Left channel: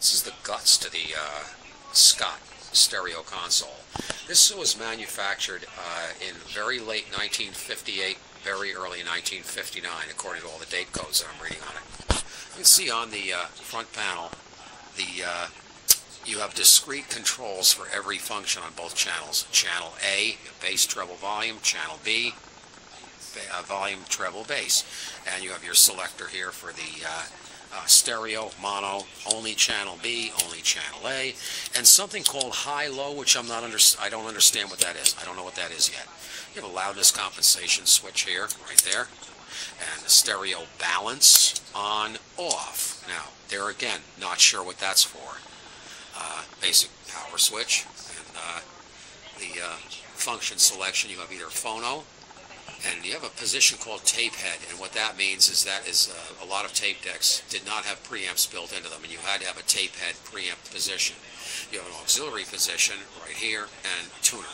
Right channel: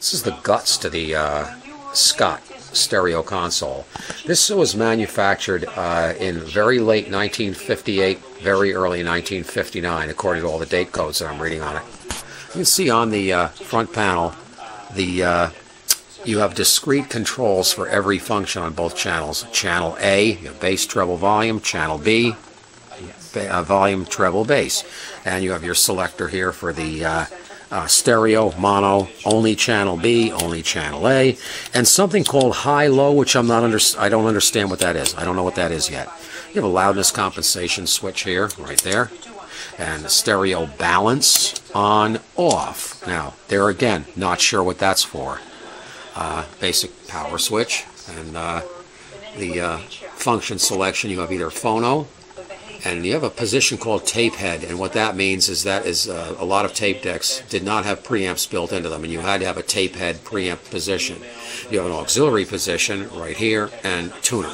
This is the guts to the Scott stereo console. This was manufactured in very late 1958, very early 1959, according to all the date codes that I'm reading on it. You can see on the front panel, you have discrete controls for every function on both channels. Channel A, you have bass, treble, volume. Channel B, volume, treble, bass. And you have your selector here for the stereo, mono, only channel B, only channel A, and something called high-low, which I don't understand what that is. I don't know what that is yet. You have a loudness compensation switch here, right there, and stereo balance on, off. Now, there again, not sure what that's for. Basic power switch, and the function selection, you have either phono, and you have a position called tape head, and what that means is a lot of tape decks did not have preamps built into them, and you had to have a tape head preamp position. You have an auxiliary position right here, and tuner.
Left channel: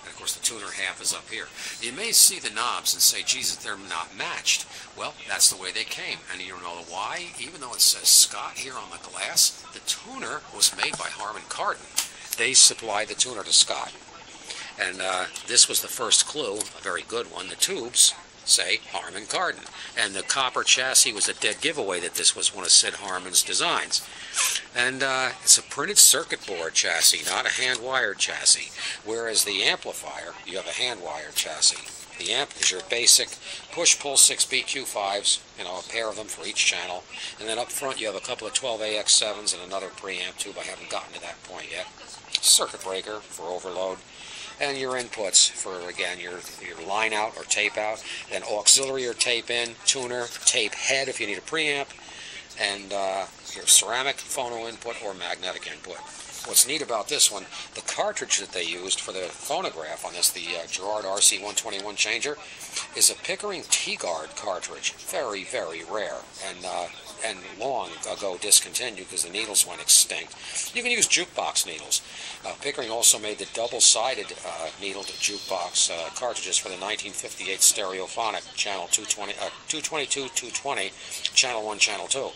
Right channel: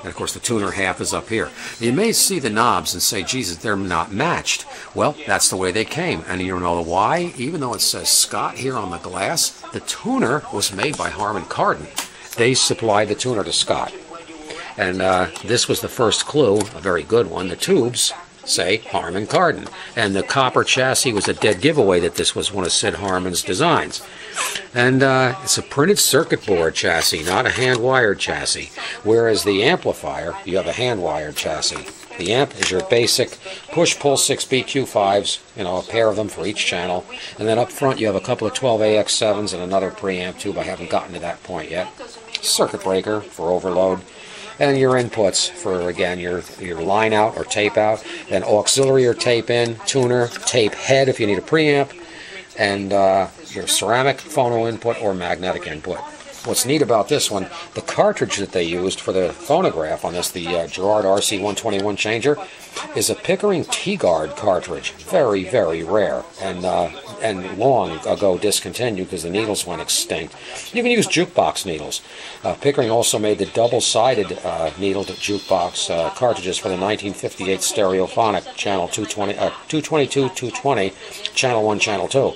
And of course the tuner half is up here. You may see the knobs and say, Jesus, they're not matched. Well, that's the way they came, and you know why? Even though it says Scott here on the glass, the tuner was made by Harman-Kardon. They supplied the tuner to Scott. And this was the first clue, a very good one. The tubes say Harman-Kardon. And the copper chassis was a dead giveaway that this was one of Sid Harman's designs. And it's a printed circuit board chassis, not a hand-wired chassis. Whereas the amplifier, you have a hand-wired chassis. The amp is your basic push-pull 6 BQ5s, you know, a pair of them for each channel. And then up front you have a couple of 12AX7s and another preamp tube. I haven't gotten to that point yet. Circuit breaker for overload. And your inputs for, again, your line out or tape out, then auxiliary or tape in, tuner, tape head if you need a preamp, and your ceramic phono input or magnetic input. What's neat about this one, the cartridge that they used for the phonograph on this, the Gerard RC121 changer, is a Pickering T-Guard cartridge. Very, very rare, and long ago discontinued because the needles went extinct. You can use jukebox needles. Pickering also made the double-sided needled jukebox cartridges for the 1958 Stereophonic Channel 222, 220, Channel 1, Channel 2.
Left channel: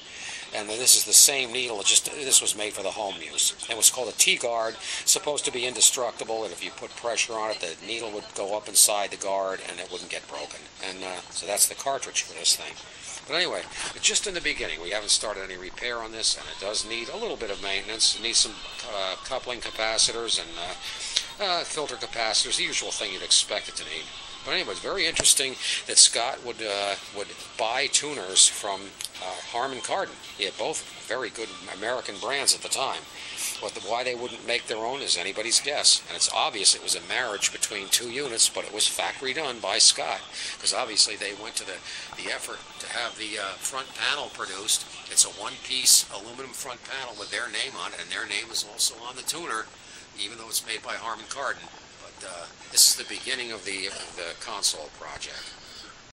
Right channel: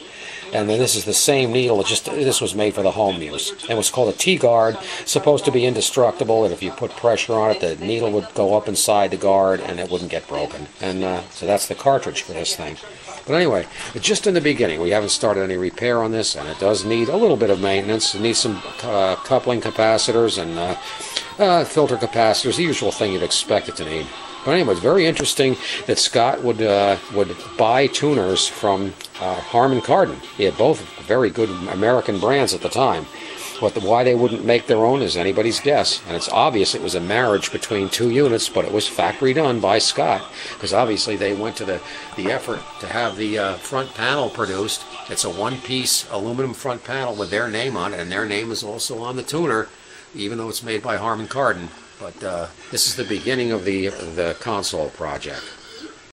And then this is the same needle, this was made for the home use. And it was called a T-guard, supposed to be indestructible, and if you put pressure on it, the needle would go up inside the guard and it wouldn't get broken. And so that's the cartridge for this thing. But anyway, just in the beginning, we haven't started any repair on this, and it does need a little bit of maintenance. It needs some coupling capacitors and filter capacitors, the usual thing you'd expect it to need. But anyway, it's very interesting that Scott would buy tuners from Harman-Kardon. He had both very good American brands at the time. But why they wouldn't make their own is anybody's guess. And it's obvious it was a marriage between two units, but it was factory done by Scott. Because obviously they went to the effort to have the front panel produced. It's a one-piece aluminum front panel with their name on it, and their name is also on the tuner, even though it's made by Harman-Kardon. But this is the beginning of the console project.